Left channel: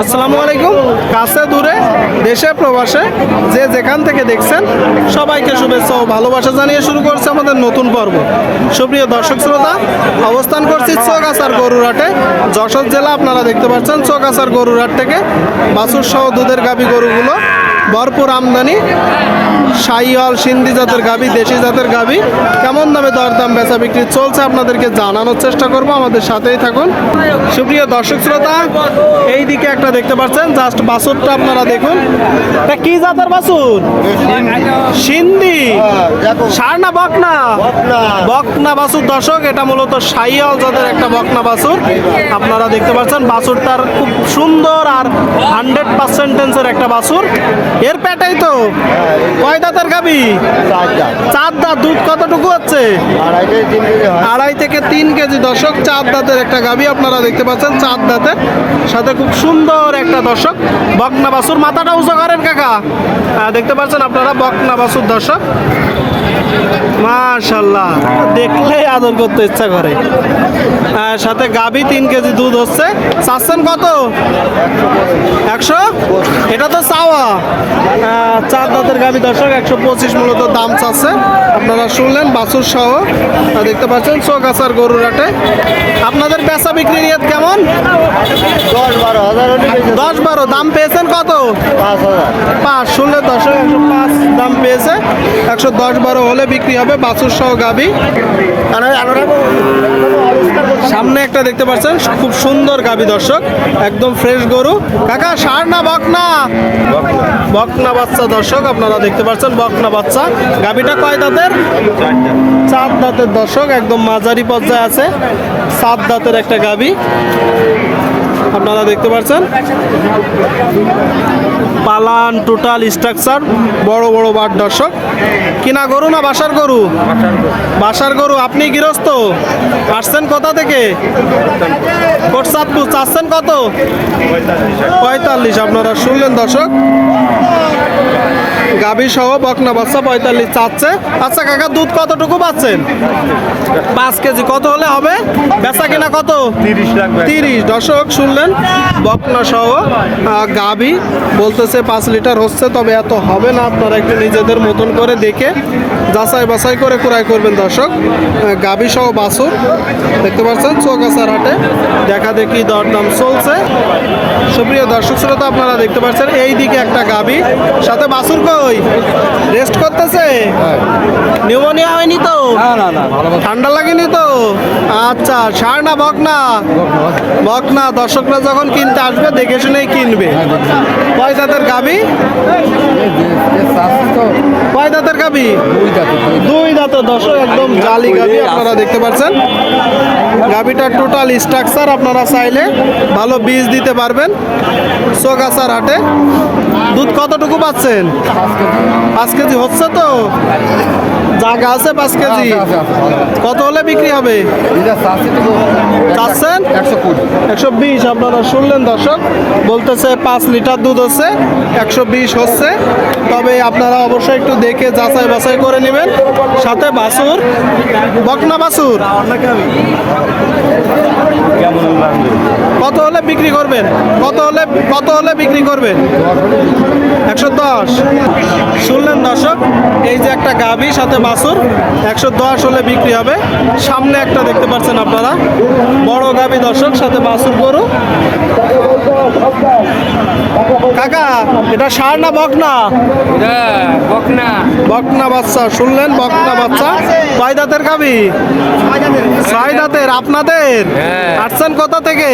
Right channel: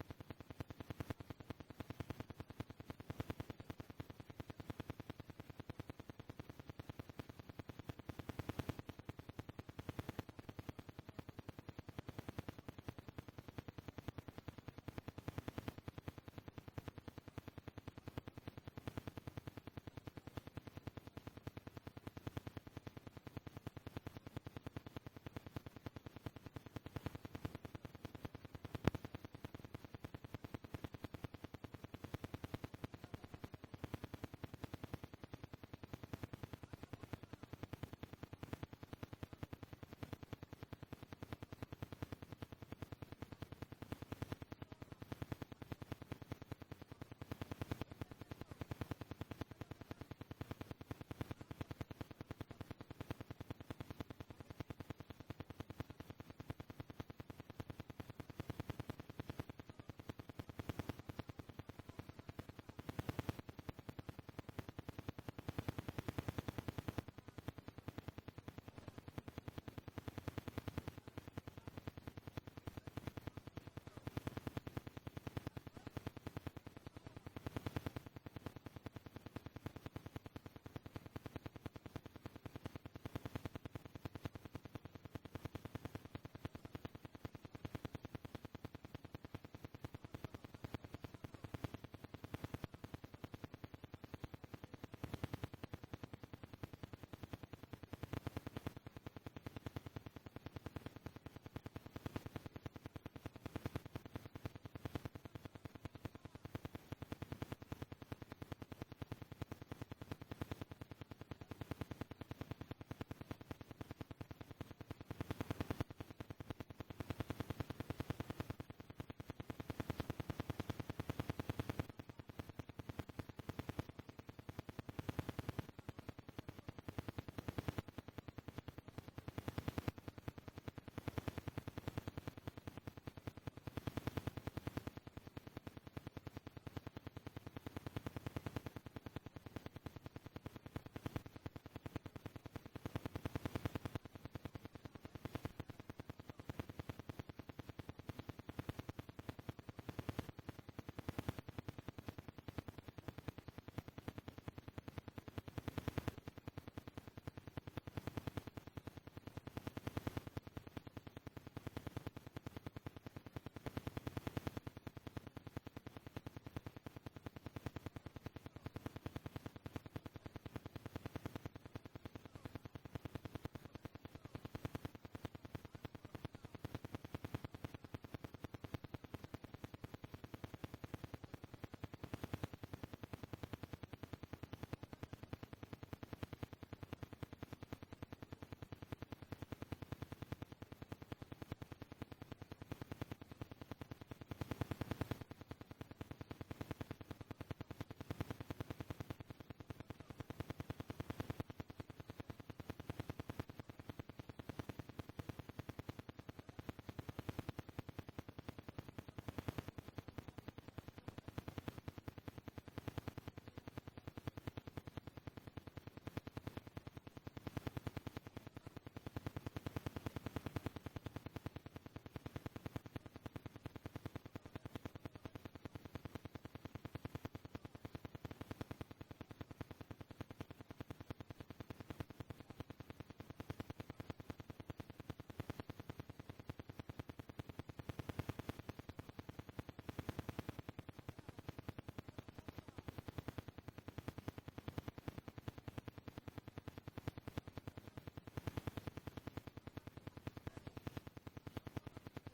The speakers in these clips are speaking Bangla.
আসসালামু আলাইকুম। কাছে দূরে দেশে প্রবাসে যে যেখান থেকে দেখছেন সবাইকে শুভেচ্ছা ও ভালোবাসা জানিয়ে শুরু করছে আমাদের নতুন পর্ব। সুপ্রিয় দর্শক শ্রোতা, অবস্থান করছি চৌগাছার গরুরহাটে, যশোর জেলা। আপনারা দেখতে পাচ্ছেন চৌগাছার গরুরহাট থেকে বাছুর সহ দুধের গাভী গরুগুলো ভরপুর আমদানি। শাহিওয়াল, সিন্ধি জাতের গাভী, দেশি জাতের গাভী কেমন দামে দরদাম বেচা বিক্রি চলছে আপনাদেরকে জানানোর চেষ্টা করব, আমাদের সাথেই থাকুন। সুপ্রিয় দর্শক শ্রোতা, এই দিকে একটা দেখতে পাচ্ছেন, জাস্ট বাছুরটা আপনারা দেখুন। এটা কি জাতের বাছুর? সিন্ধি, ষাঁড় না বকনা? বকনা বাছুর দর্শক, এটা মূলত শাহিওয়াল জাতের একটা বকনা বাছুর। আপনারা দেখতে পাচ্ছেন বাছুরটার খুব সুন্দর আর 100% একটা বাছুর। এর পেটেই তো কয় দাঁতের গাভী? চার দাঁত। দুধ কতটুকু হচ্ছে? 2.5 থেকে 3 কেজি দর্শক। 4 দাঁতের একটা গাভী আপনারা দেখতে পাচ্ছেন, 4 দাঁতের সাথে খুব সুন্দর একটা দর্শক বকনা বাছুর। মাথাটা উঁচু করেন কাকা, দেখতে পাচ্ছেন আপনারা বকনা বাছুর দর্শক। মাশাআল্লাহ, দেখলেই আদর করতে ইচ্ছা করে। সাথে গাভী 3 কেজি দুধ হচ্ছে। চাচ্ছেন কত? 100? এটা তো চাওয়া। 4 দাঁতের গাভী দর্শক, 125 মূলত দাম চাচ্ছে। আপনারা শুনলেন বাছুর সহ দেখতে পাচ্ছেন চৌগাছার গরুরহাটে। আপনাদের বেচা বিক্রি রেট কেমন? 10-12। দাম পেয়েছেন কত? 5। শুনলে দর্শক 105 দাম পেয়েছে। 110-12 হলে বিক্রি হবে বাছুর সহ গাভী। সামনে একটা দেখতে পাচ্ছেন খুব সুন্দর গাভী দর্শক, একদম ফ্রেশ গরু। কাকা ষাঁড় না বকনা? বকনা বাচ্চা দর্শক, আপনারা দেখতে পাচ্ছেন বকনা বাচ্চা। গাভীটা কয় দাঁতের? 4 দাঁতের দর্শক, একদম মাঝারি পর্যায়ে আছে। 7 দাঁতের একটা গাভী আপনারা দেখতে পাচ্ছেন। পালান টোটাল স্ট্রাকচার, বড় বড় বাট দর্শক। কিনা গরু না বাসার গরু? বাসার গরু। আপনি গৃহস্থ? আসছেন কোথা থেকে? কোটচাঁদপুর। চাচ্ছেন কত? 45। আপনারা শুনলেন দর্শক, গাভী সহ বকনা বাচ্চা 45 চাচ্ছে। আচ্ছা কাকা, দুধ কতটুকু পাচ্ছেন? 5 কেজি। কত হলে হবে বেচা কিনা? কত? 30 দর্শক শুনলেন, বকনা সহ গাভী বলতেছে 5 লিটার হচ্ছে, তবে এত হবে না। আপনারা একটু নিজেদের মতন করে দেখে যাচাই বাছাই করে ক্রয় করবেন দর্শক। গাভী সহ বাছুর দেখতে পাচ্ছেন চৌগাছার হাটে দেখা দেখি দরদাম চলছে। সুপ্রিয় দর্শক শ্রোতা, আপনারা দেখতে পাচ্ছেন এই দিকে একটা গাভী সাথে বাছুর। কই রেস্ট করতেছে? নিউমোনিয়া হয়নি তো? ঠান্ডা লাগেনি তো? আচ্ছা, ষাঁড় না বকনা? বকনা। দর্শকরা যখন কিনতে আসবে দেখে শুনেই কিনবে। কয় দাঁতের গাভী? কয় দাঁতের গাভী? 2 দাঁতের দর্শক, একদম জালি গাভী আপনারা দেখতে পাচ্ছেন। গাভীটার টোটাল স্ট্রাকচার আপনারা চাইলে ভালো বীজ দিতে পারবেন চৌগাছার হাটে। দুধ কতটুকু পাচ্ছেন? 5 কেজি হচ্ছে তো? জায়গা আছে 5 কেজি। কত হলে বিক্রি হবে চাচ্ছেন? 120। আপনারা শুনলেন দর্শক, বলতেছে 5 লিটার দুধ হচ্ছে, 120 হচ্ছে। তবে আপনারা অবশ্যই একটু দেখে যাচাই বাছাই করে নেবেন। সাথে বাছুর, বকনা বাছুর। কত হলে বিক্রি করবেন? কত হলে বিক্রি করবেন? 110। শুনলেন দর্শক, এই যে একটা গাভী সাথে বাছুর, 110 হলে বিক্রি হবে। সামনে একটা দেখতে পাচ্ছেন আপনারা বড় গাভী দর্শক, সাথে বাছুর গরু। কাকা এটা ষাঁড় না বকনা? বকনা। বকনা বাচ্চা। শুনলেন বকনা বাচ্চা। কয় দাঁতের গাভী? 6 দাঁতের। আপনাদের আসছেন কোথা থেকে?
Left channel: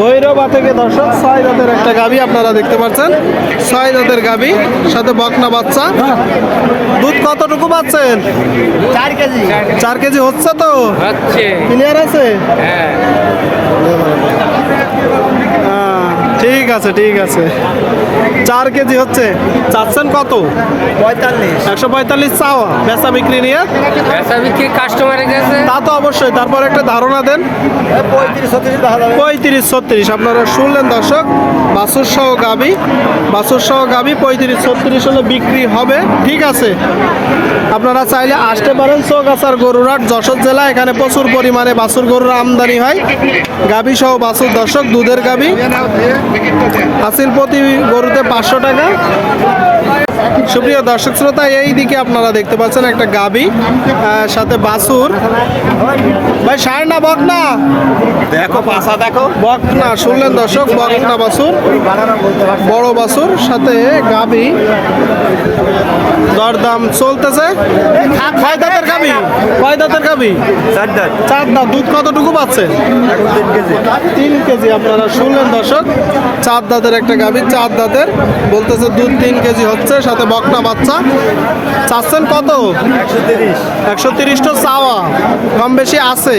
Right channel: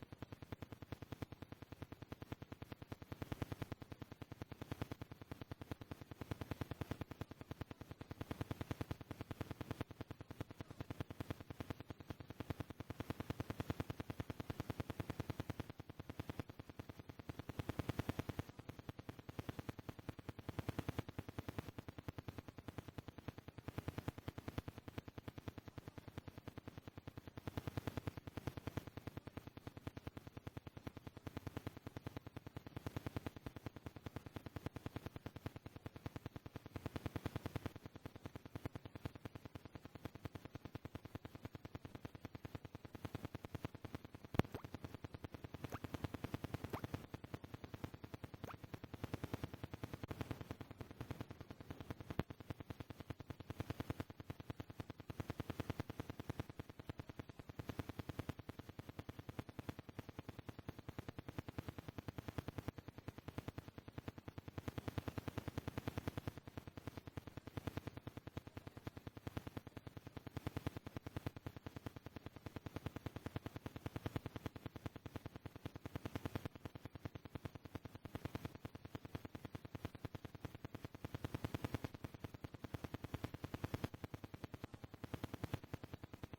ভৈরবা থেকে দর্শক। 6 দাঁতের একটা গাভী আপনারা দেখতে পাচ্ছেন, 6 দাঁতের গাভী সাথে বকনা বাচ্চা। দুধ কতটুকু পাচ্ছেন? 4 কেজি। 4 কেজি হচ্ছে তো? হচ্ছে। ক্লিয়ার আছে? ঠিক আছে, ঠিক আছে। 4 কেজি হচ্ছে। চাচ্ছেন কত? 45 145 চাওয়া, বেচা বিক্রি নিয়ে? বেচা বিক্রি কাস্টমারের কাছে তা তো অবশ্যই, তারপর একটা ধারণা দেন। 35-36 দেখা যাবে। 35-36 আপনারা শুনলেন দর্শক, বাছুর সহ গাবি, বাছুর সহ গাবি 35-36 হলে বিক্রি হবে। ঠিক আছে, আপনারা চাইলে আসতে পারেন চৌগাছার গরুরহাট, যশোর জেলা। এখানে প্রচুর পরিমাণে বাছুর গরুর আমদানি হয়। গাবি সহ বাছুর দর্শক, দুধের গাবি হাসিল প্রতি গরুতে 500 টাকা। সুপ্রিয় দর্শক শ্রোতা, এই দিকে আপনারা দেখতে পাচ্ছেন একটা গাবি সাথে বাছুর। ভাই ষাঁড় না বকনা? দেখো পাশা দেখো। বকনা, শুনলেন দর্শক, বকনা বাছুর, বড় বাছুর সাথে গাবি। দরদাম চলতেছে। কয় দাঁতের গাবি? কয় দাঁতের গাবি? 4 দাঁত। 4 দাঁত। দুধ কতটুকু পাচ্ছে? 3 কেজি। 3 কেজি আপনারা শুনলেন দর্শক, 4 দাঁতের একটা গাভী, 4 দাঁতের, বলতেছে দুধ 3 কেজি হচ্ছে, সাথে বকনা বাচ্চা। চাচ্ছেন কত? 130। 130 তো চাওয়া, কম বেশি আছে।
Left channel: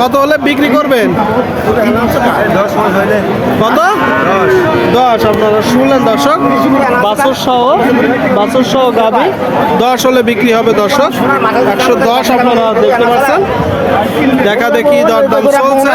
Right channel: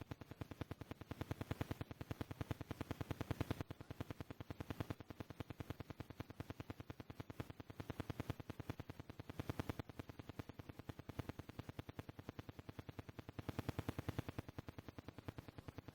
কত হলে বিক্রি করবেন? 10 মাস হইলে। কত? 10। আপনারা শুনলেন দর্শক, বাছুর সহ গাভী 10 হলে বিক্রি হবে দর্শক। 110 আপনারা দেখতে পাচ্ছেন, দেখা দেখি দরদাম চলছে।